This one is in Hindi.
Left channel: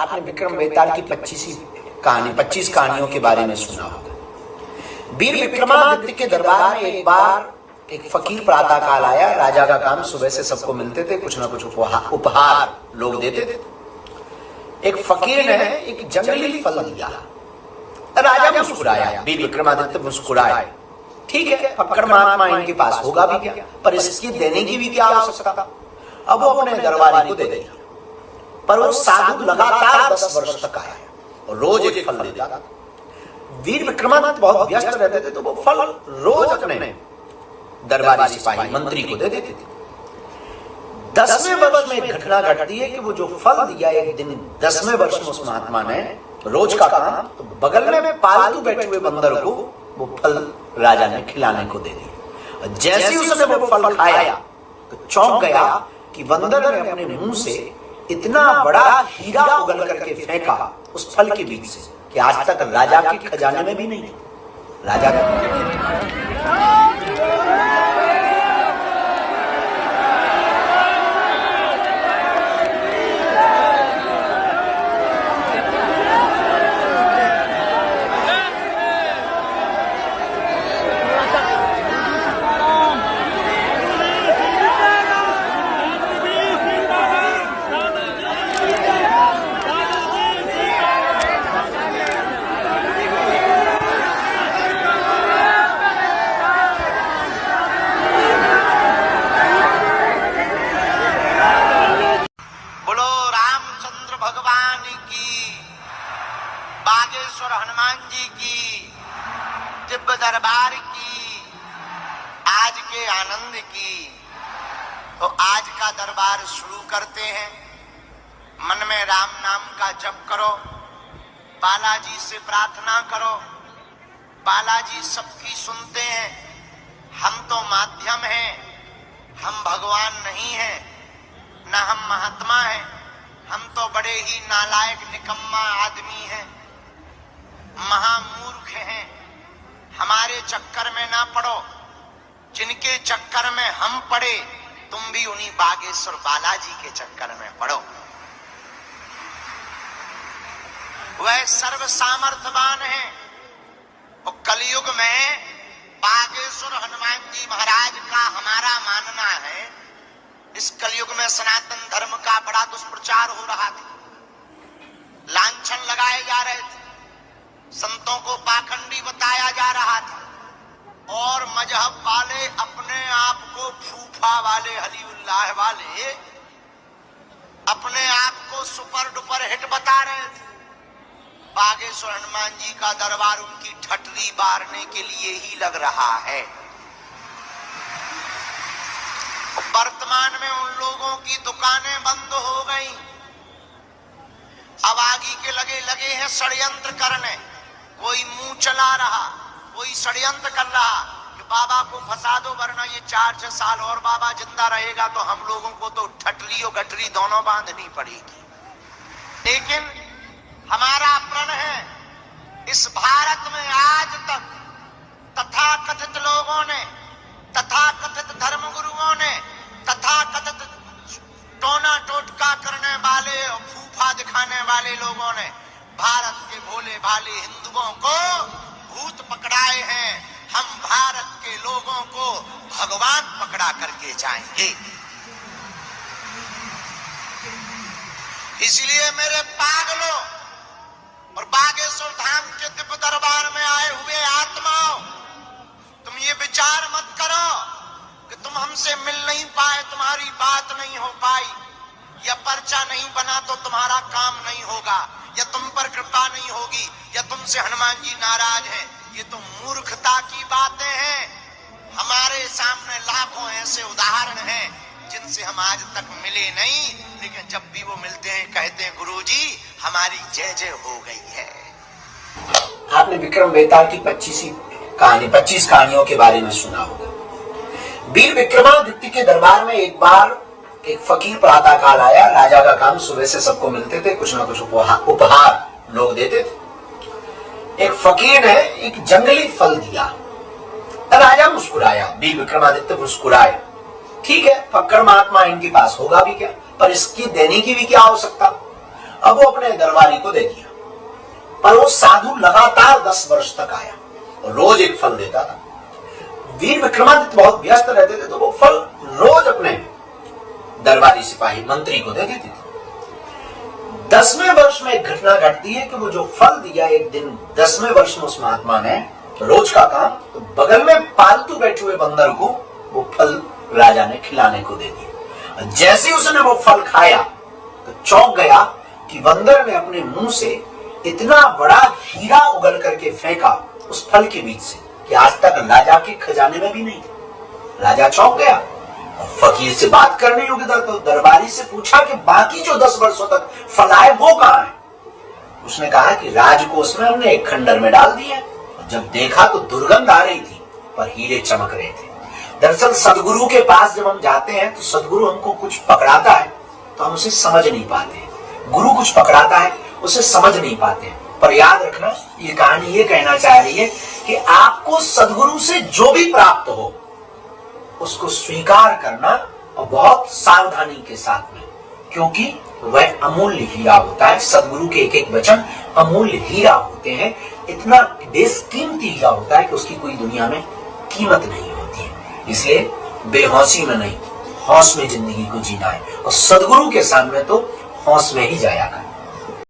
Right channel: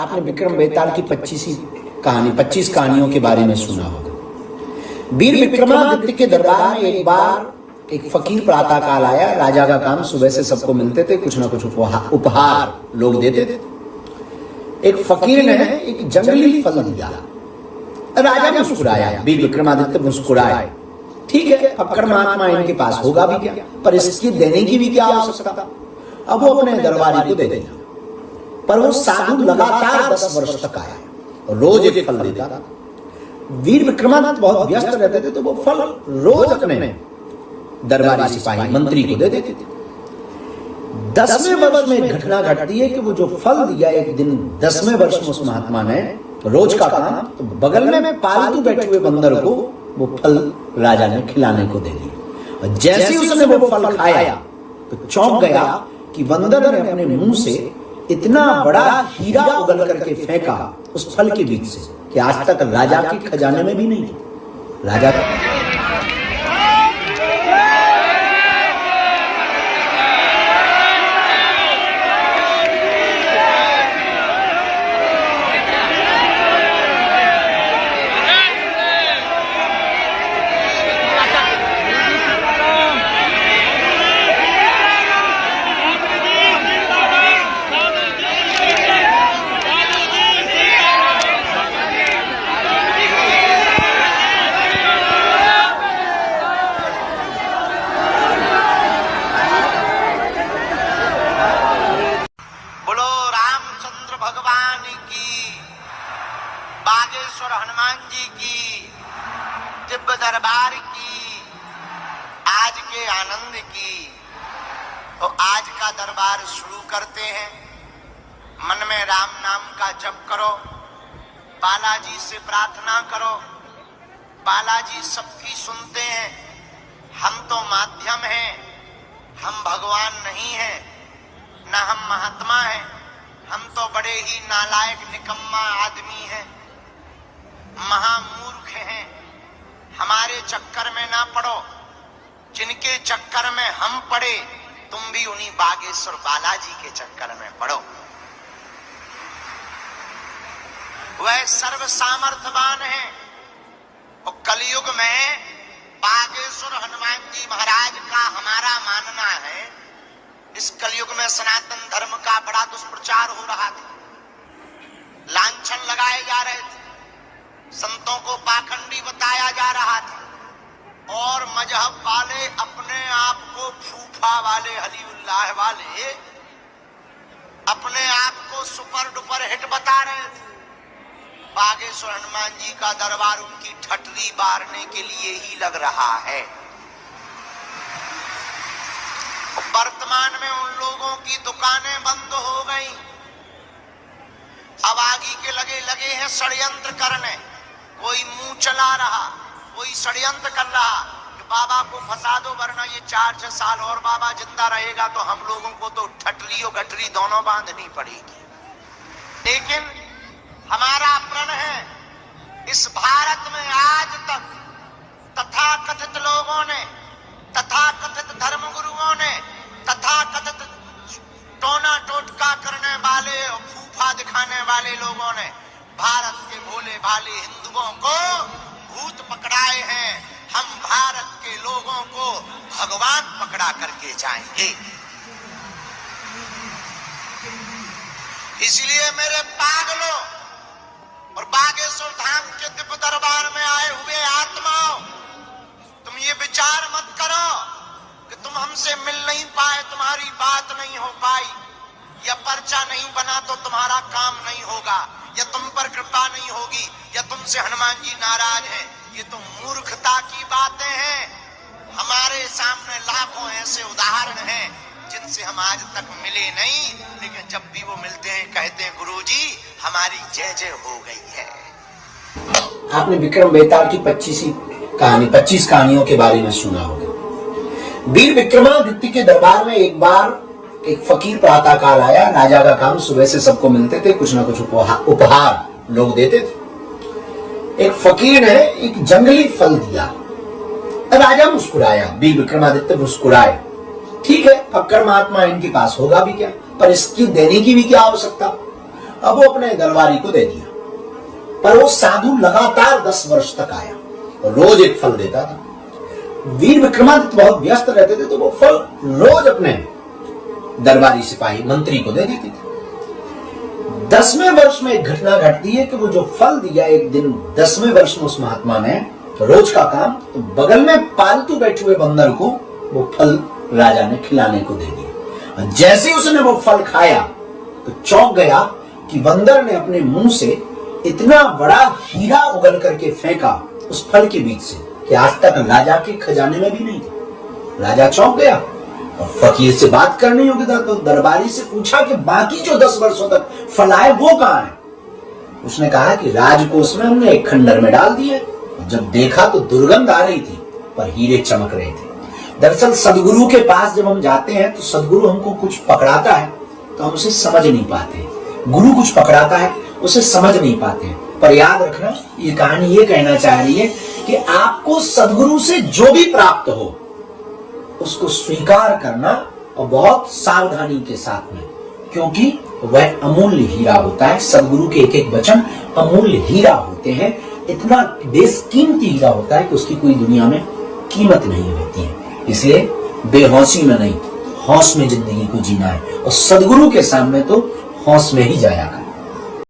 आपने विक्रम बेताल की 25 कहानियों के बारे में सुना होगा। वीर विक्रमादित्य के दरबार में एक बार एक फकीर प्रातः काल आया। राजा का काम सुबह से सबको मिलते थे, कुछ ना कुछ उपहार लोग देते थे। एक फकीर ने एक जंगली फल दिया। राजा मुस्कुराया, वीर विक्रमादित्य मुस्कुराए। ठीक है, फक्कड़ महात्मा इनके पास होगा भी क्या, पर इसकी देने की भी क्या आवश्यकता। अब वो अपने दरबारी को दे दिया। पर वो साधु लगातार 10 वर्ष तक आया और रोज एक फल देता था। वीर विक्रमादित्य बहुत व्यस्त रहते थे, तो वो फल रोज अपने दरबारी सिपाही मंत्री को दे देते थे। 10वें वर्ष में एक घटना घटती है कि वो जो फल दिया, एक दिन 10वें वर्ष में उस महात्मा ने रोज का काम, तो बगल में पालतू बैठे हुए बंदर को वो फल राजा ने खिलाने को दे दिया। और जैसे उसने वो फल खाया तो चौंक गया कि बंदर ने अपने मुंह से इतना बड़ा हीरा उगल करके फेंका उस फल के बीच से कि आज तक राजा के खजाने में भी नहीं था। राजा भगवान की, बागेश्वर हनुमान जी की, दिव्य दरबार की, आज के आनंद की। तो आज का दरबार शुरू करते हैं। मन में राम नाम का जप करो, बालाजी से प्रार्थना करो। बालाजी सबकी सुनते हैं, हम तो माध्यम हैं, हम भगवान नहीं हैं, न हम महात्मा हैं। हम तो बड़े ही नालायक निकम्मा आदमी हैं, महामूर्ख हैं। हमारे चक्कर में ना पड़ो, जिनके चक्कर में हम पड़े तुम भी उन्हीं बागेश्वर बालाजी के चक्कर में पड़ो। वह सर्व सामर्थ्यवान है। और कलयुग में बागेश्वर हनुमान जी महाराज का हमारा मानना है, इस कलयुग में सनातन धर्म का बड़ा दुष्प्रचार हो रहा था, लांछन लगाए जा रहे थे, संतों को पाखंडी बताया जा रहा था, और मजहब वाले अपने आप को फूफा वाले, हलीउल्लाह वाले अपने आप को सुपर डुपर हिट बता रहे थे। बागेश्वर हनुमान जी का दरबार उनकी ठटरी बारने के लिए ही लग रहा है। वर्तमान में उन लोगों की दुकानें बंद हो गई। अब आगे के लगे हैं षड्यंत्र करने। कोई मुंह चला रहा, कोई षड्यंत्र कर रहा कि बाबा को फंसा दो, वरना ये 4-6 साल और बाबा जिंदा रहेगा तो हम लोगों को तो ठटरी और गठरी दोनों बांधनी पड़ेगी। लेकिन हमारा प्रण है, इस भारत में आज तक तथाकथित लोगों ने, तथाकथित धर्मगुरुओं ने, तथाकथित टोना टोटका करने वाले और फूफा दिखाने वाले लोगों ने भारत के भोले भाले हिंदुओं को भूत पकड़ाए हैं। हम भारत के लोगों को भगवान पकड़ा करके जाएंगे। इसलिए मेरे पागलों और बागेश्वर धाम के दिव्य दरबार में आए हुए आत्माओं, तुम ये विचार मत करो कि तुम हमसे मिल नहीं पाए, तुम्हारी बात नहीं हो पाई, या पर्चा नहीं बना तो तुम्हारा काम नहीं होगा, या तुम पर कृपा नहीं होगी, या तुमसे हनुमान जी नाराज हैं। ये तो मूर्खता की बातें हैं। हमारे सामने लाखों ऐसे उदाहरण हैं जिनसे हम आज तक मिले नहीं, लेकिन जब भी वो मिलते हैं कहते हैं गुरुजी हमारी जय जय हो गई है। आपने विक्रम बेताल की 25 कहानियों के बारे में सुना होगा। वीर विक्रमादित्य के दरबार में एक बार एक फकीर प्रातः काल आया। राजा का काम सुबह से सबको मिलते थे, कुछ ना कुछ उपहार लोग देते थे। एक फकीर ने एक जंगली फल दिया। राजा मुस्कुराया, वीर विक्रमादित्य मुस्कुराए। ठीक है, फक्कड़ महात्मा इनके पास होगा भी क्या, पर इसकी देने की भी क्या आवश्यकता। अब वो अपने दरबारी को दे दिया। पर वो साधु लगातार 10 वर्ष तक आया, रोज एक फल देता था। वीर विक्रमादित्य बहुत व्यस्त रहते थे, तो वो फल रोज अपने दरबारी सिपाही मंत्री को दे देते थे। 10वें वर्ष में एक घटना घटती है कि वो जो फल दिया, एक दिन 10वें वर्ष में उस महात्मा ने रोज का काम, तो बगल में पालतू बैठे हुए बंदर को वो फल राजा ने खिलाने को दे दिया। जैसे ही उसने वो फल खाया तो चौंक गया कि बंदर ने अपने मुंह से इतना बड़ा हीरा उगल करके फेंका उस फल के बीच से कि आज तक राजा के खजाने में भी नहीं था। राजा चौंक गया और फकीर से बात करनी होगी तो दरबारी से पूछा कि बाकी जो 10 वर्षों तक फल आए वो कहां है। उसने कहा कि राजकोष में हमने एक खंडर में डाल दिए। जब देखा तो दुर्गंध आ रही थी, पर हीरे चमक रहे थे। दरअसल सदगुरु के पास जब हम जाते हैं तो सदगुरु हमको कुछ पकड़ाता है तो हम उसे समझ नहीं पाते। गुरु कुछ पकड़ाता है उसे समझ नहीं पाते। पर याद रखना, ये कहानी ये कहना चाह रही है कि आपको सदगुरु से जो भी प्राप्त हो उसको स्वीकार करना, और बहुत सावधानी के साथ में, क्योंकि वह अमूल्य हीरा होता है। सदगुरु के एक एक वचन अमूल्य हीरा होते हैं। इतना बेशकीमती हीरा होता है कि उसकी कोई दुनिया में कीमत नहीं होती है। इसलिए बेहोशी में नहीं, होश में जिंदगी को जीना है, और सदगुरु के सामने तो होश में ही जाया कर।